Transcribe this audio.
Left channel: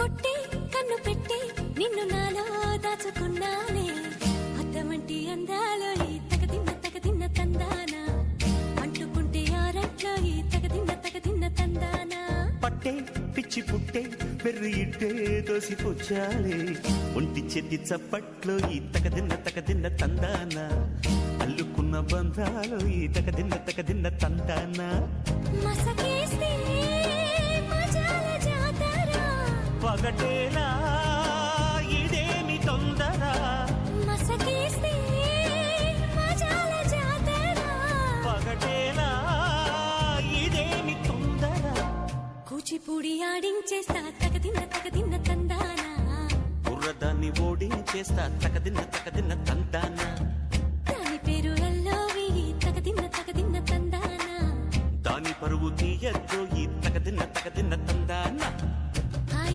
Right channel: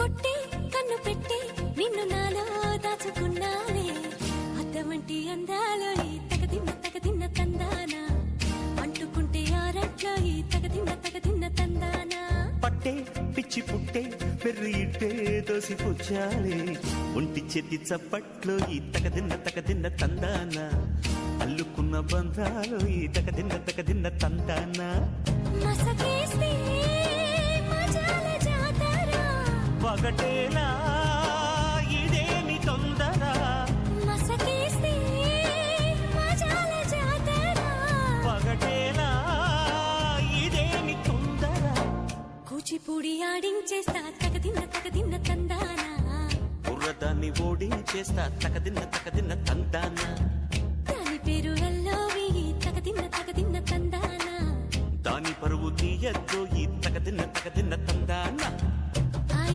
కొట్టి కన్ను పెట్టి నిన్ను నాలో దాచుకున్నానే అద్దమంటి అందాలో ఈ తగదిన్న తందానా అంటుకుంటే ఆరట్లో ఈ తగదిన్న తందానా పట్టే పిచ్చి పుట్టే పెర్రి ఇట్టే దోసిపుచ్చాలే ఒంటి చేతి చప్పట్లో ఈ తగదిన్న తందానా అల్లుకున్న బంధాలు ఈ తగదిన్న తందానా మసకేస్తే మజాల జాతర పగటేలా ఇదేమి తొందర మసకేస్తే మజాల జాతర పగటేలా ఇదేమి తొందర కూచిపూడి ఆడించేస్తా తగదిన్న తందానా బుర్రదాన్ని ఓడించేస్తా తగదిన్న తందానా దాని పేరు ఎల్లోవి తగదిన్న తందానా దాని పరువు తీయద్దు ఈ తగదిన్న తందానా